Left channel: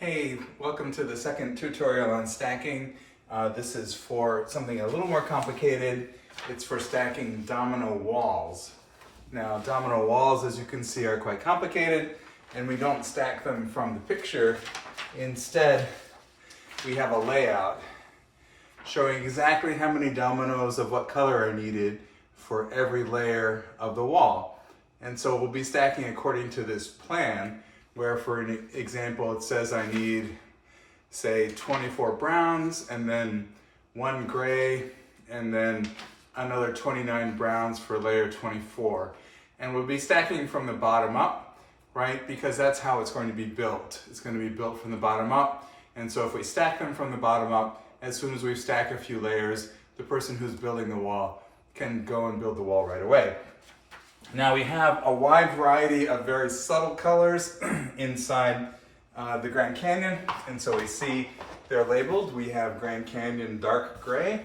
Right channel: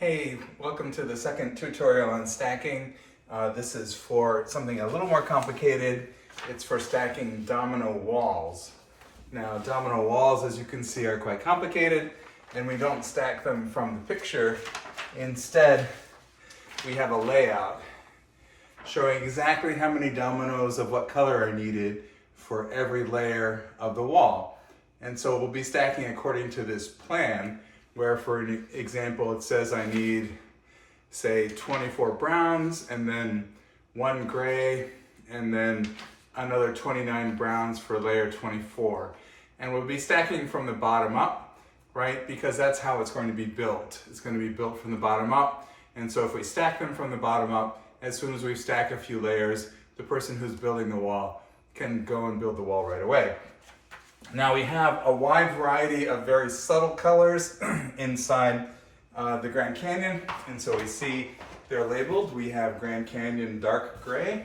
Hey, welcome to the second tutorial on stacking. This is for something a little more complicated. It's for stacking domino walls. Now, domino walls, as you can see, are quite complicated, and we don't stack them from the picture. Instead, we have a layout showing exactly how many dominoes of what color are needed for every layer of the wall. And so we'll be stacking according to this plan, where for an example, it says I need, say, 24 browns, and then 1 gray, and then another 29 browns for layer 24. And we'll be stacking from the bottom up, right? Because that's how it's going to be built. It's going to be built from the bottom up. And so if we stack them from the bottom up, as soon as we've stacked a few layers, the person who's building the wall can go and build the wall right away. Now we have a wide variety of very subtle colors inside the Grand Canyon, and so we see they're labeled. We have Grand Canyon dark gray,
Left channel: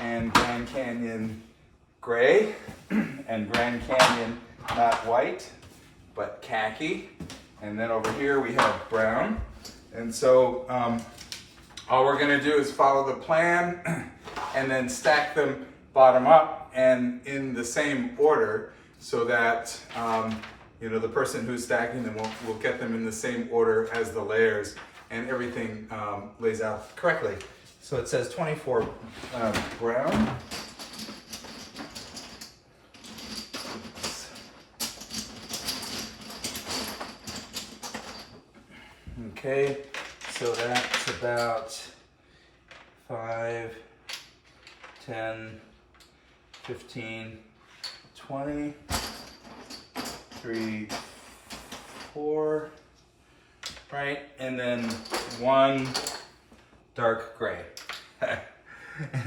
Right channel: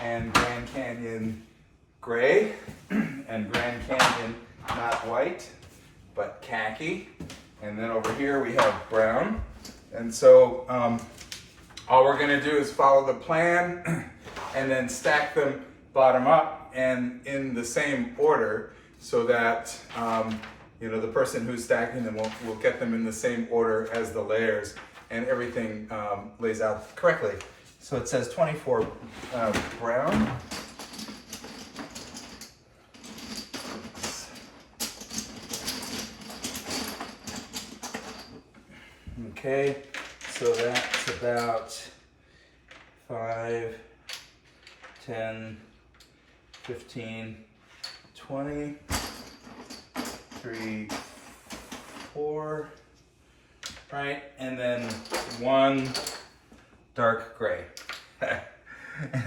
and Grand Canyon gray, and Grand Canyon not white, but khaki, and then over here we have brown. And so all we're gonna do is follow the plan and then stack them bottom up and in the same order, so that the person who's stacking them will get them in the same order as the layers, and everything lays out correctly. So it says 24 brown. Okay, so that's about 5, 10, 15, 20, 3, 4, right? And then 1 dark gray.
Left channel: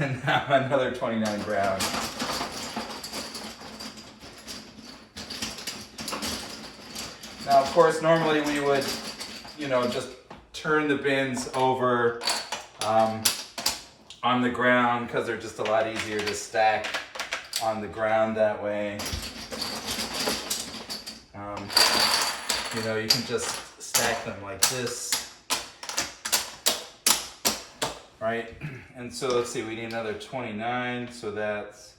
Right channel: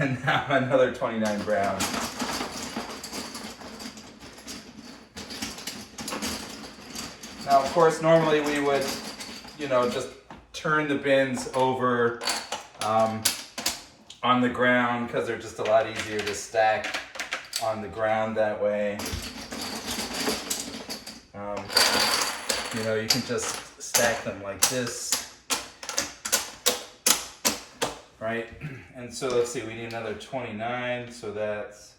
And now another 29 brown. Now, of course, normally we would, just turn the bins over on the ground, because they're just a lot easier to stack on the ground that way. You can just stack them like this, right? And so let's see, we need another 29, so that's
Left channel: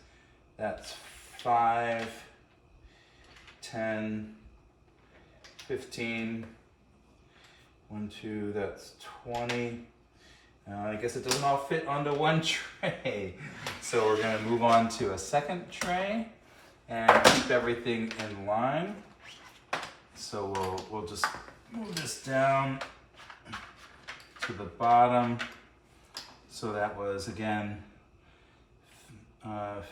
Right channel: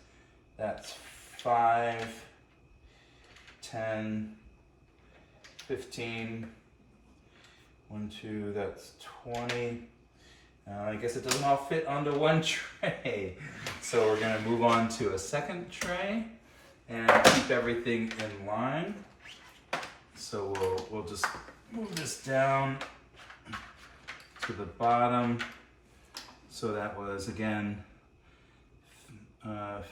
5, 10, 15, 1, 2, that's 20. I guess it doesn't all fit onto one tray. So we're gonna move on to a second tray and keep everything in line. So we'll just move this down to the bottom. So that was, again,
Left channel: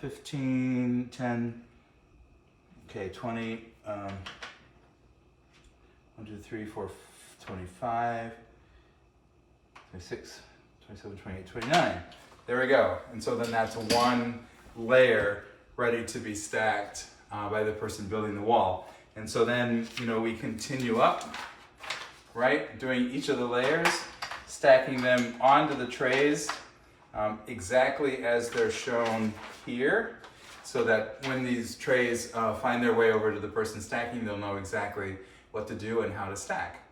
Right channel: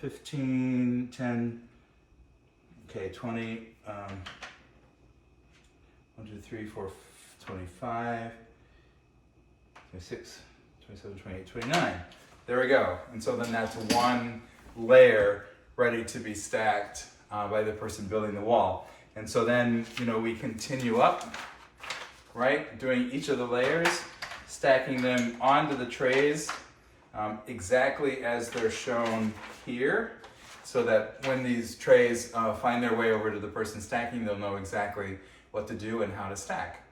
15, 10, okay, 20, 1, 2, 3, 4, 25, 26, 27, 28, 29. There we go. And so then that's 1 layer ready to be stacked by the person building the wall. And so then, we continue up, right? Doing each of the layers, stacking them onto the trays exactly as they're shown here, so that when these trays find their way over to the person stacking, they'll know exactly what to do and how to stack.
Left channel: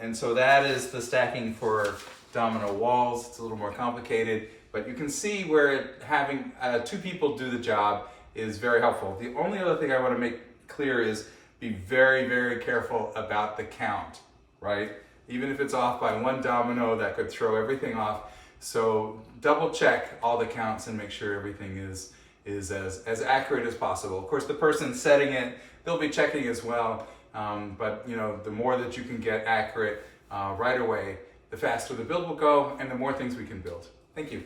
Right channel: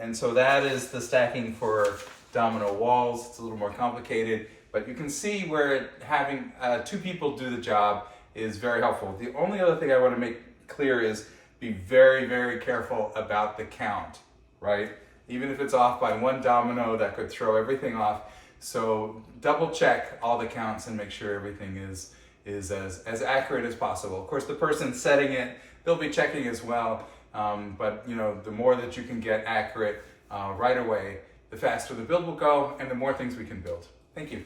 And so that is the stacking for domino walls. It's a little more complicated, but you can see where having 2 people do the job is very helpful. The only other thing I want to make clear is be very, very careful about the count, right? Even if it's off by 1 domino, that could throw everything off. So double check all the counts and make sure everything is as accurate as possible. Of course, the person setting it, they'll be checking as well. But the more that you can get accurate right away, the faster the build will go and the more things we can build. Thank you.